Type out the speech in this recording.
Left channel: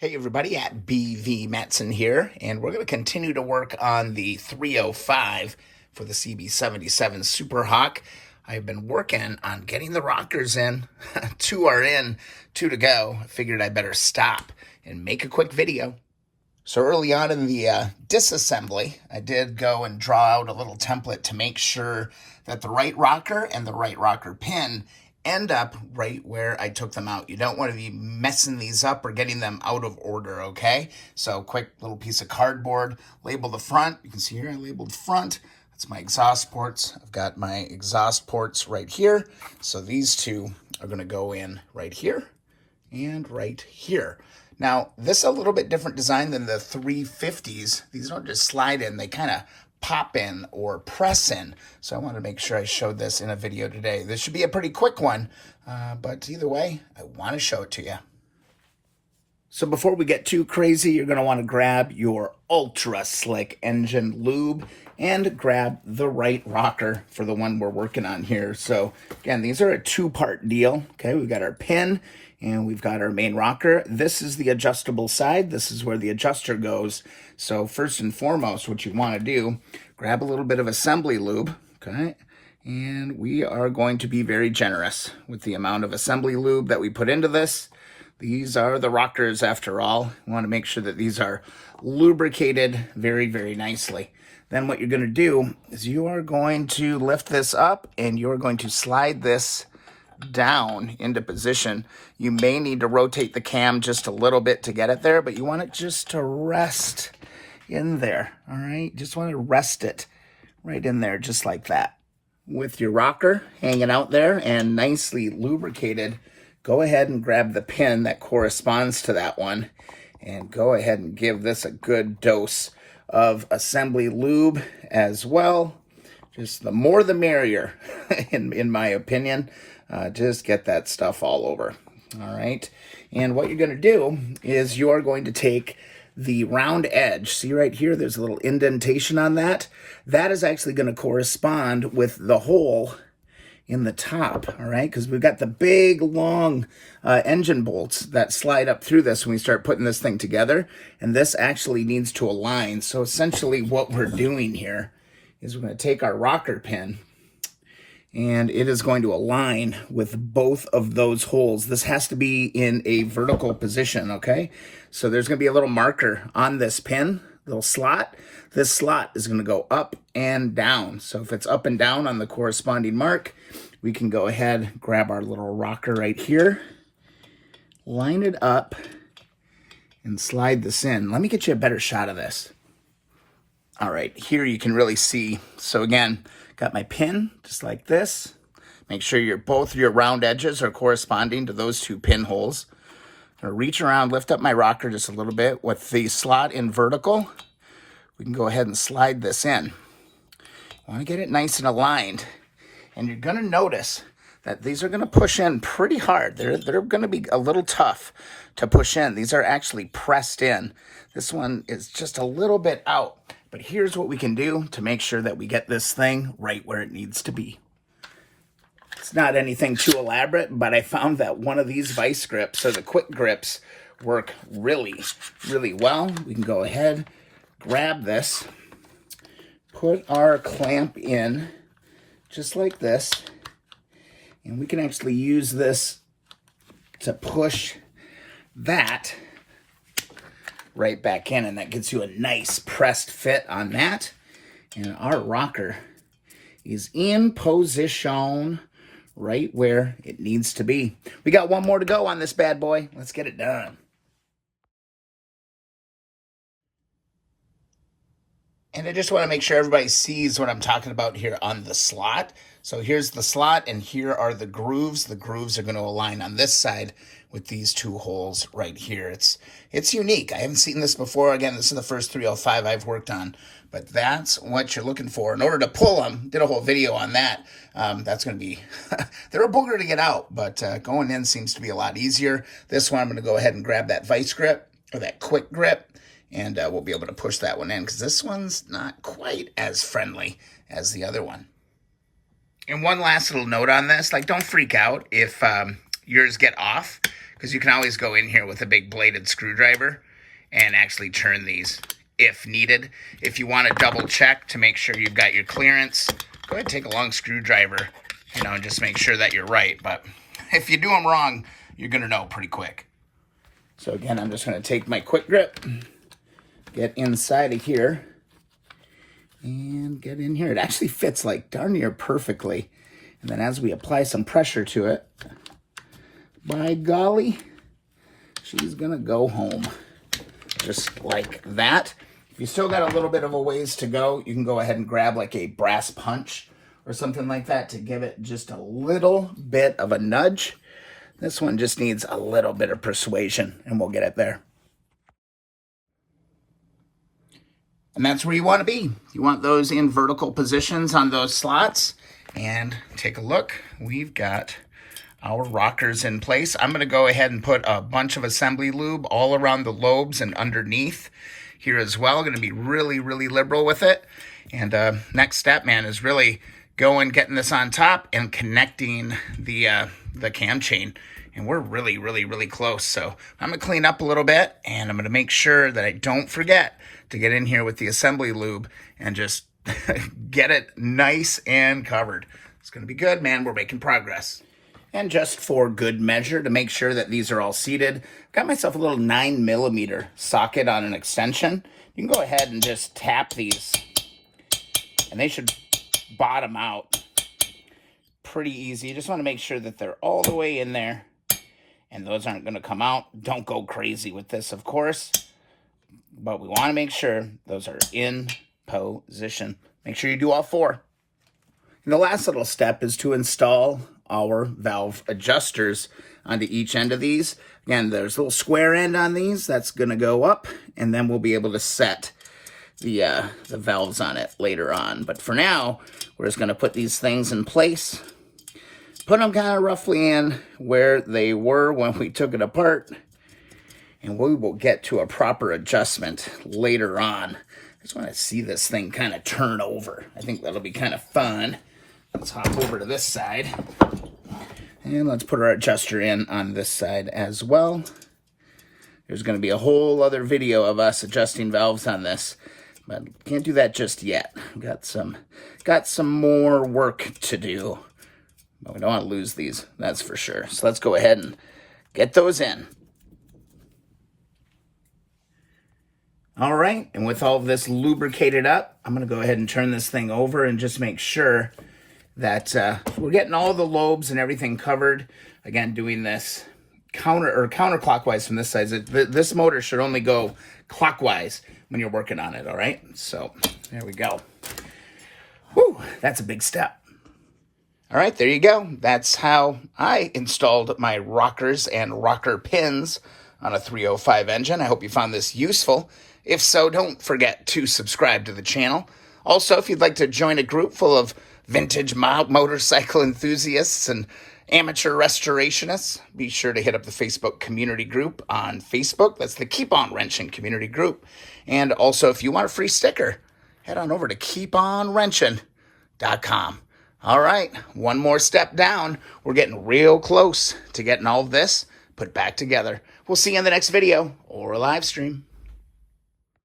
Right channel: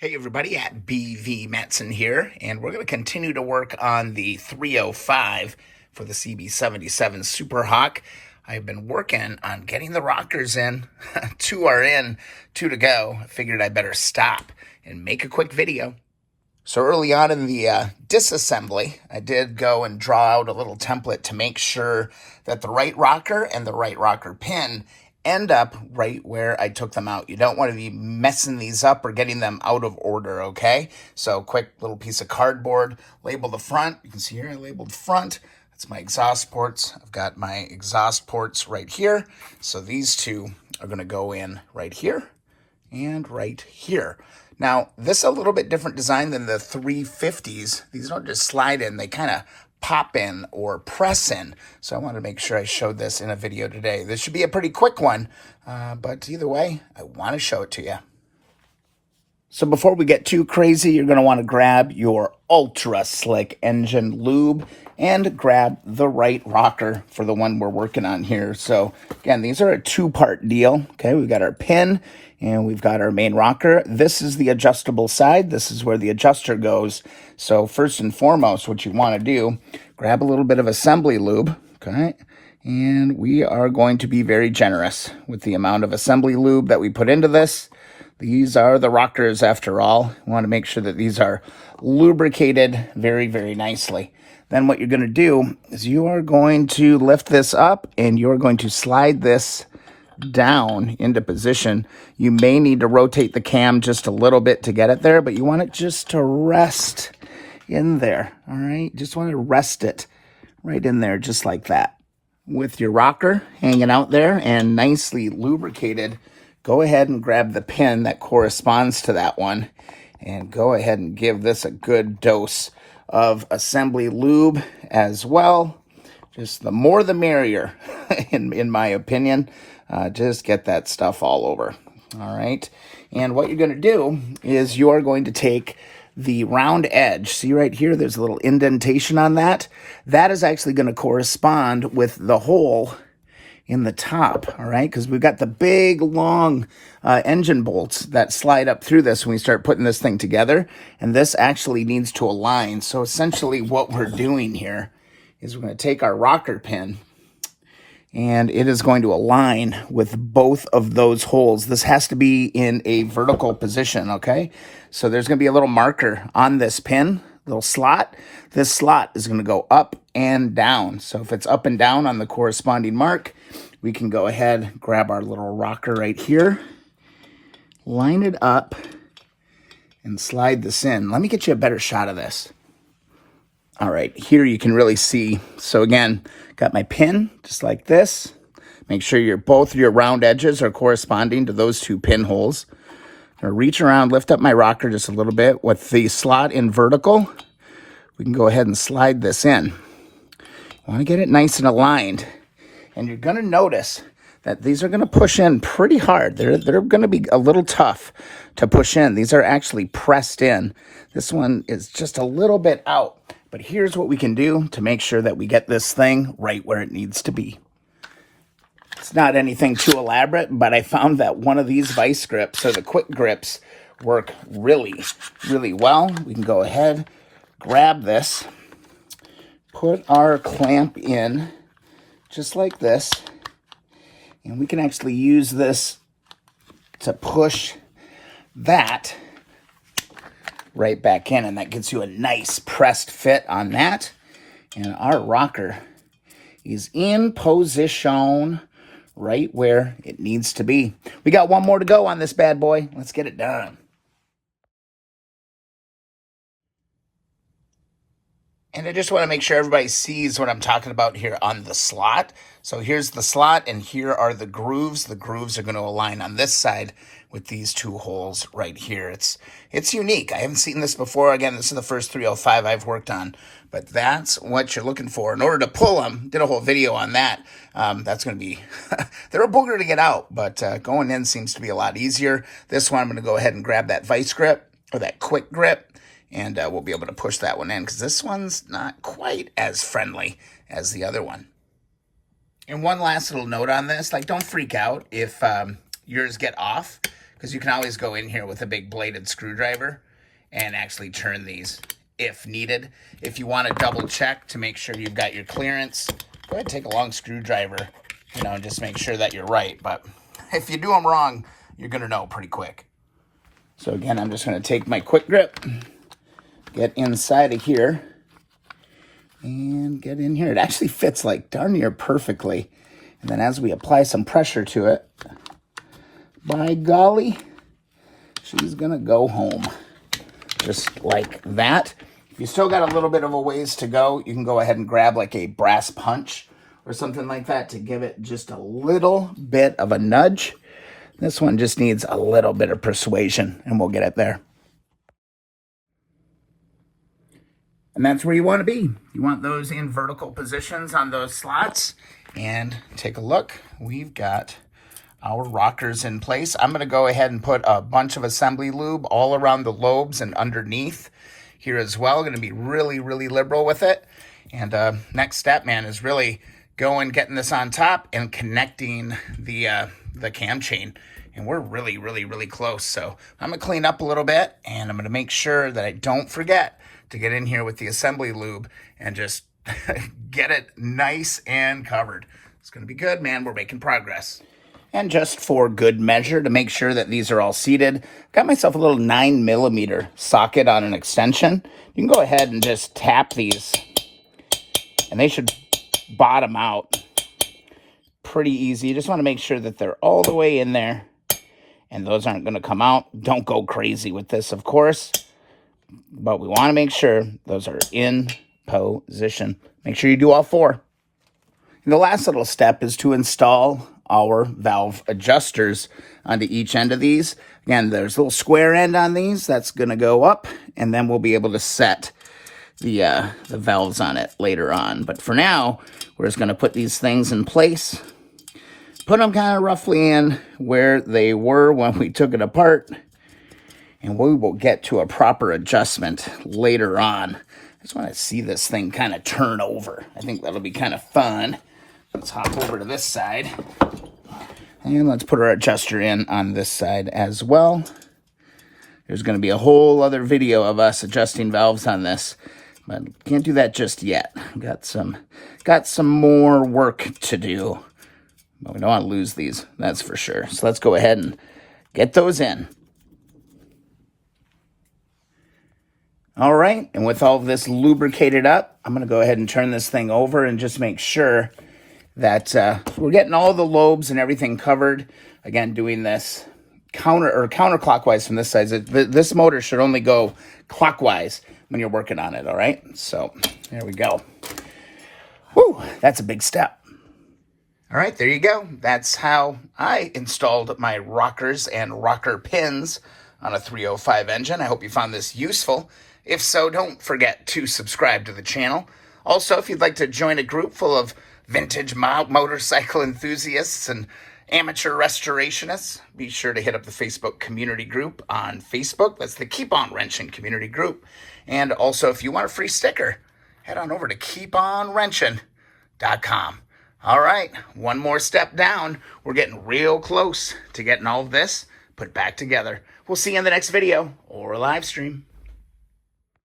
Hey everybody, at BV Metzen here, and we're going to continue to work on the 305 for the CB77 Super Hawk. I've been working on getting the rockers in. Two are in, two to go. I figured I better stop and make a quick video. So early on in the disassembly, I did go and draw out a little template to make sure that the right rocker and the right rocker pin end up right where I took them out. You don't want to be messing these up or getting them out of order, okay? So quick little piece of cardboard, label the front. You can see here I labeled front. That's my exhaust ports. I've got my exhaust ports right here. So these two are going to go in right here and right here. Now, this is a little bit different design than the 350s. These don't just slide in, they kind of pop in or press in. So I wanted to make sure I showed this in a video today. This should be a pretty quick one, but either way, I want to show it to you. So before we get too crazy, you're going to want to grab your ultra slick engine lube and grab the right rocker for the one we're working on here. So again, these are a two-part deal. Okay, we've got our pin and we've got our main rocker. This is the adjustable side. This is where the adjuster goes. So first and foremost, what you want to do, grab a little bit of assembly lube, okay? And we are going to be very generous with the amount of assembly lube that we put into this. These are the rockers after all. We want to make sure that these are lubricated very, very nicely. Then what you're going to do is you are going to lift this up and you're going to slide this down into position. You may need to rotate the cam just a little bit to get it there, but you want it just to rest in there, all right? Just want to rest it right in there, just like that. With your rocker hanging out there and nicely lubricated, go ahead and grab the pin that corresponds to that one and go ahead and give this a good dose of assembly lube as well. Just the more the merrier, in my opinion. Just get that stuff all over, all right? And what you're going to do is you are going to take the round edge. See right here, there's a little indentation on that. That is actually going to correspond with the hole in the top, all right? Because we've got the big, long engine bolts that slide up through this when we start putting this thing together, and this actually needs to align. So essentially what we're doing here is we're going to take our rocker pin, and it is going to align with both of those holes. This has to be in a vertical position, okay? So there's going to be a little marker on this pin, little slot. This slot is going to go up and down. So if it's up and down on the corresponding mark, we can go ahead, grab our little rocker right here, line it up, and slide this in. Let me get you a better shot of this. All right, here you can really see. So again, got my pin just like this. Make sure both your round edges are corresponding to those two pin holes. I'm gonna reach around, lift up my rocker just a little bit. With the slot in vertical, we can go ahead and slide this in. You wanna get it nice and aligned. And you're gonna notice that these are gonna push in pretty hard. They're gonna be a little tough to push in. These are actually pressed in. This one is just a little bit out. But here's what we can do to make sure that we get this thing right where it needs to be. It's not anything too elaborate, but I found that one of these vice grips, or the quick grips, work really, really well. We can go ahead, grab this, put our clamp in just like this, and we can actually use this to push that right back in, and that gets you a nice pressed fit on that. And our rocker is in position right where it needs to be. We got one more to go on this bad boy. Let's get it done. And I just want to make sure everybody sees what I'm talking about here on the slot. So here's the slot, and here are the grooves. The grooves are going to align on this side with these two holes right here. It's unique. I haven't seen this before. Again, this is the first 305 I've worked on, but that's what you're looking for. In order to pull them, did a whole video on that. That's going to be, they're a booger to get out, but going in seems to be a lot easier. This one, I'm going to go ahead and grab that vice grip, or that quick grip, and we'll be able to push that one in, because this one's not quite as friendly as the other one. And one last little note on this, like, don't freak out if yours get off, because you can always go in here with a big bladed screwdriver and actually turn these if needed. If you want to double check to make sure you've got your clearance, go ahead and take a long screwdriver, and just make sure that you're right. But if you do them wrong, you're going to know pretty quick. So again, I'm just going to take my quick grip, get inside of here, and get in here. It actually fits like darn near perfectly. And then as we apply some pressure to it, by golly, she's going to go home. Just like that. If you still got a little bit of a ways to go, you can go ahead and grab like a brass punch or something like that to give it just a little bit of a nudge. This one just needs a little bit of persuasion, and we'll get it there. And that's where you want to be. You want those in vertical positions on those slots. And take a look. We've got our rockers in place. I'm going to go ahead and put a bunch of assembly lube all around the lobes and underneath here as well. Going to be really, really liberal with it. And next step, man, is really getting this on top and connecting the cam chain. And we're really, really, really close. So I'm going to clean up a little bit, and I'm going to make sure that I don't forget to get in here with the assembly lube and just get it nice and covered. It's going to be good, man. We're making progress. And just for good measure, to make sure that these are all seated, got myself a little 9mm socket on an extension. You can go ahead and just tap these, and they should bottom out pretty easy. You just want to make sure that they're all the way in there, and those aren't going to come out. Don't go crazy with this, of course, but we want to make sure those are in position. Make sure you do all four. And the last little step is to install our valve adjusters onto each end of these. Again, there's a little square end on these that's going to go up, and then we'll be able to set the valves on it later on. But for now, we're just going to put these things in place, put them kind of roughly in where they were when we took it apart, and we will get to a proper adjustment later on. I just want to see this thing kind of turn over. I think that'll be kind of fun. Let's hop over to this side, and let's put our adjuster in on this side as well. There's going to be a whole other video of us adjusting valves on this, but can't do that just yet. Got some more work to do, but we don't want to lose these, that's for sure. So let's go ahead and get those in. All right, and with all of this lubricated up, I'm going to go ahead and turn this thing over and just make sure that we're getting all the lobes and everything covered. Again, doing this counterclockwise from this side. This motor should only go clockwise when you're working on it, all right? So there we go. Whew, that's a big step. All right, there you go. That's how I installed my rockers and rocker pins on a 305 engine. I hope you found this useful. If so, don't forget to subscribe to the channel. Also, if you'd like to join a group full of vintage motorcycle enthusiasts and amateur restorationists, be sure to hit up the Facebook community group on Facebook. That's the Keep On Wrenching community group. And also, if you want a free sticker, head on over to keeponwrenching.com. All right, one more step down. We're getting real close to getting all of this put back together. We'll see you in the next video or a live stream.